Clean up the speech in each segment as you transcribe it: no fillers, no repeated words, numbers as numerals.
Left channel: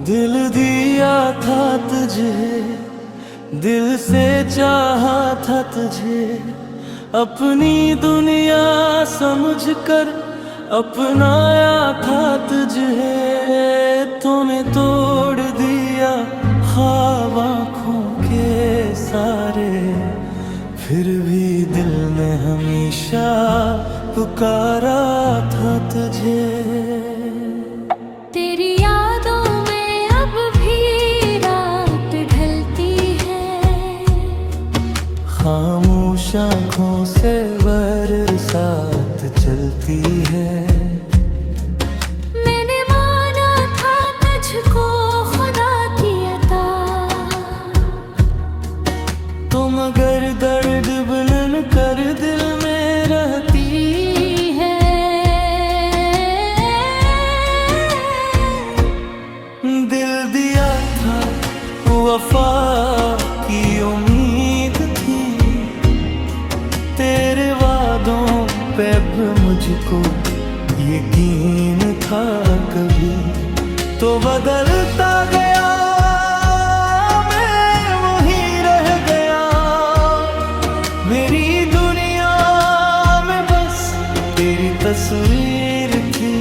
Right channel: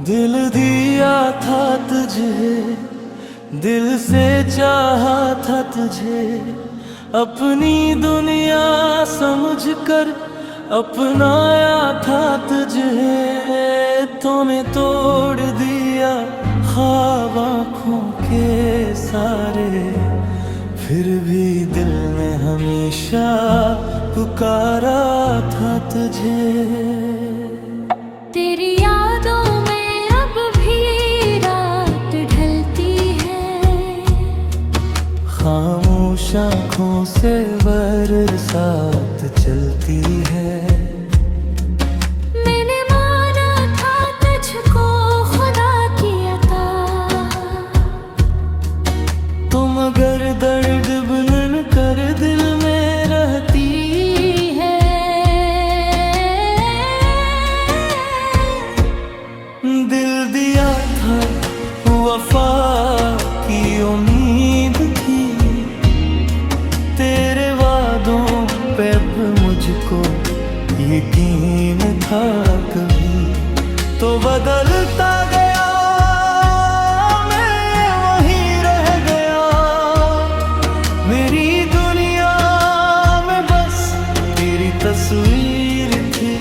दिल दिया था तुझे, दिल से चाहा था तुझे, अपनी दुनिया समझकर अपनाया था तुझे। तूने तोड़ दिया ख्वाब आँखों के सारे, फिर भी दिल ने हमेशा पुकारा था तुझे। तेरी यादों में अब भी रात ढलती है, खामोश आँखों से बरसात चलती है। मैंने माना था तुझको खुदा की अता, तुम अगर दर्द बुनन कर दिल में रहती है, दिल दिया था वफा की उम्मीद थी, तेरे वादों पे अब मुझको यकीन था। कभी तो बदलता गया, मैं वहीं रह गया, मेरी दुनिया में बस तेरी तस्वीर थी।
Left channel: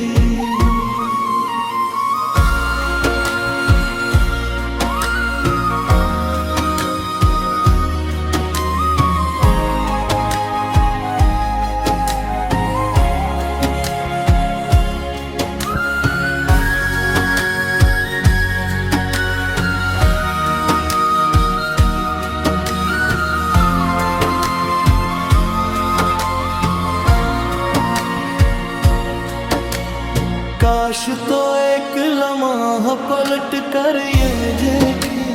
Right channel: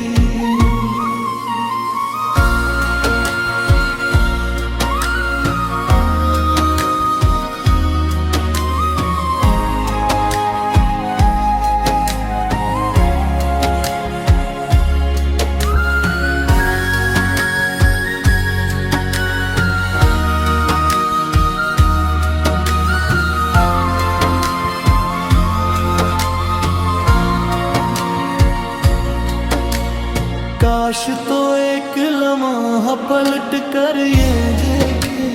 काश तो एक लम्हा पलट कर ये देखे,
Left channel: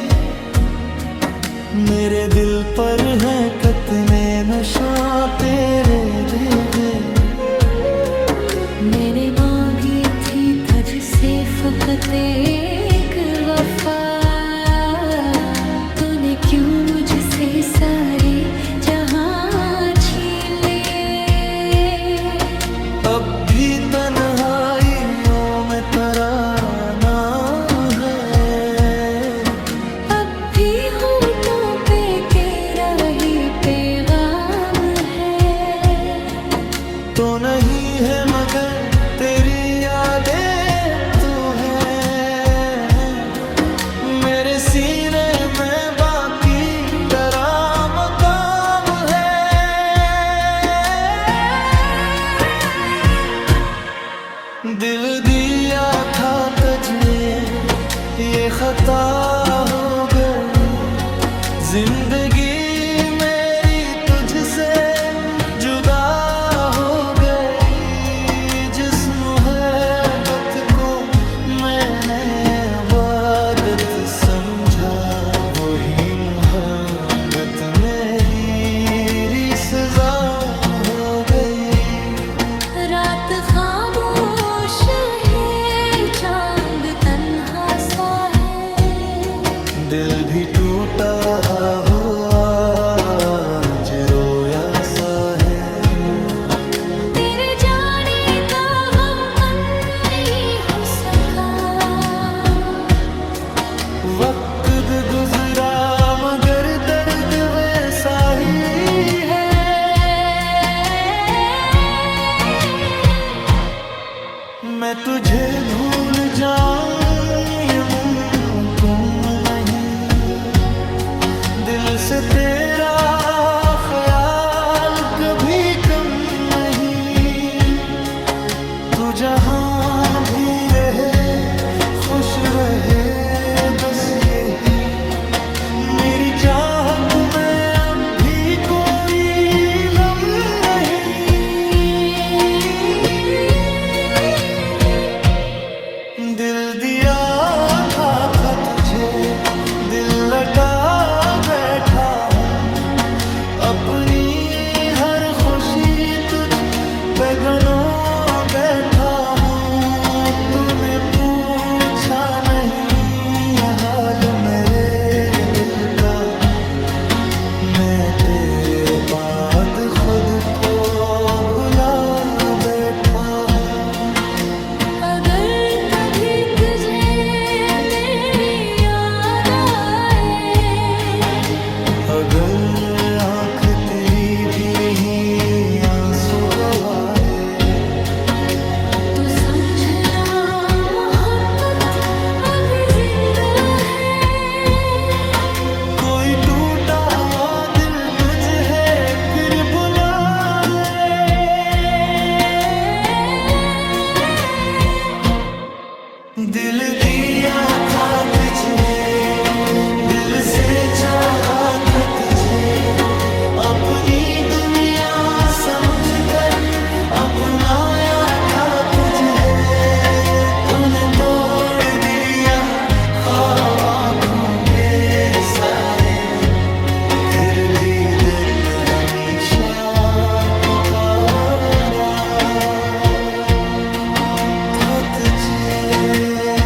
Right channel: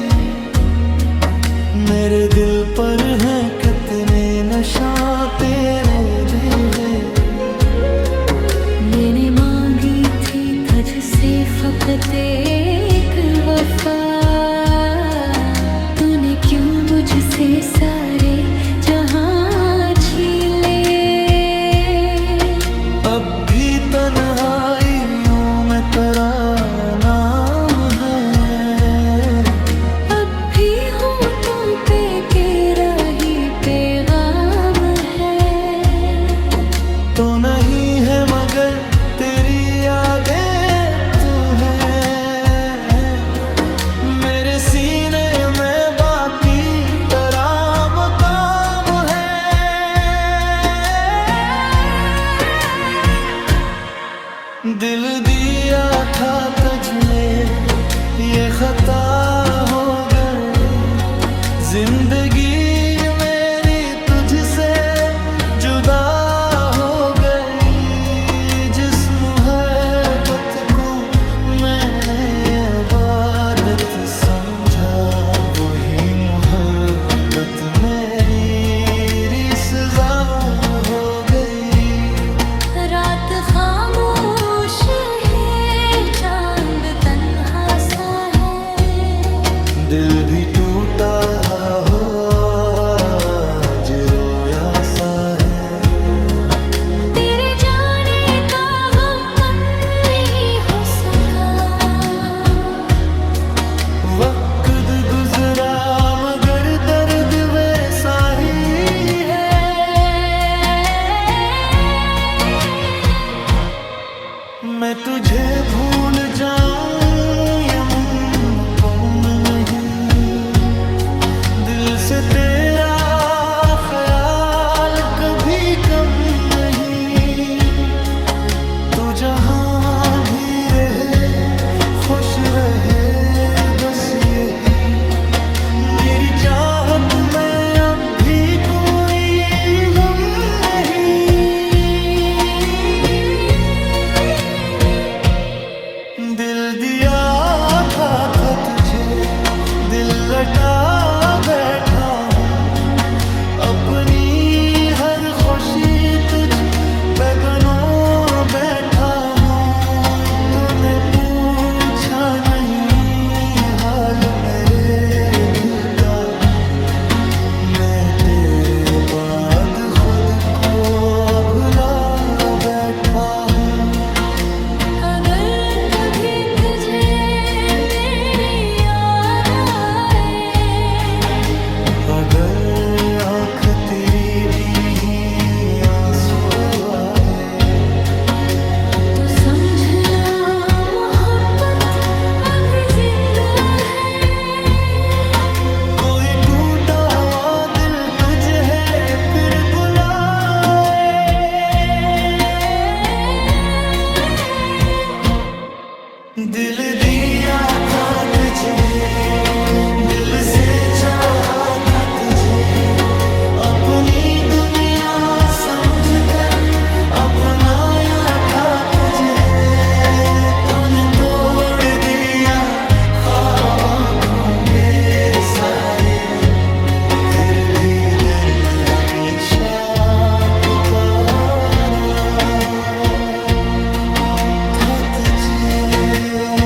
मेरे दिल पर है कितने नशा तेरे देवे। मैंने मांगी थी तुझसे फकत एक वफा, तूने क्यों मुझसे सारे जहां छीन लिए। अब भी तन्हाइयों में तेरा नाम है, अब भी होठों पे तेरा ही पैगाम है। तो नहीं है मगर तेरी यादें तू है, मेरे सीने में बाकी तेरा मकाम है। दिल दिया था तुझे, ये खता हो गई, जिंदगी मेरी तुझसे जुदा हो गई। जिस मोहब्बत को मैंने इबादत समझा, वही मोहब्बत मेरी सजा हो गई। रात खामोश है, चांद तन्हा सा है, दिल भी टूटा हुआ आज रोया सा है। तेरे जाने का गम कम नहीं हो सका, वक्त गुजरा मगर दर्द वैसा ही है। मैं तुझे भूल जाऊं ये मुमकिन नहीं, दिल से तेरा ख्याल कभी कम नहीं। तू जहां भी रहे खुश रहे, बस यही मेरी चाहत में अब भी कोई गम नहीं। दिल दिया था तुझे, दिल लटा बैठा हूँ, अपनी हर खुशी तुझ पे गनो बैठा हूँ। तूने पूछा नहीं हाल मेरे दिल का, मैं तेरे बाद खुद को भुला बैठा हूँ। अगर कभी तुझे अगर आंख तेरी भी नहीं आंसू बहाए तो समझना मोहब्बत अभी जिंदा है। कोई टूटा हुआ दिल तुझे है फिर बुलाए, दिल दिया था तुझे, दिल से चाहा था तुझे, अपनी दुनिया समझकर अपनाया था तुझे। तूने तोड़ दिया ख्वाब आँखों के सारे, फिर भी दिन ने हमेशा पुकारा था तुझे।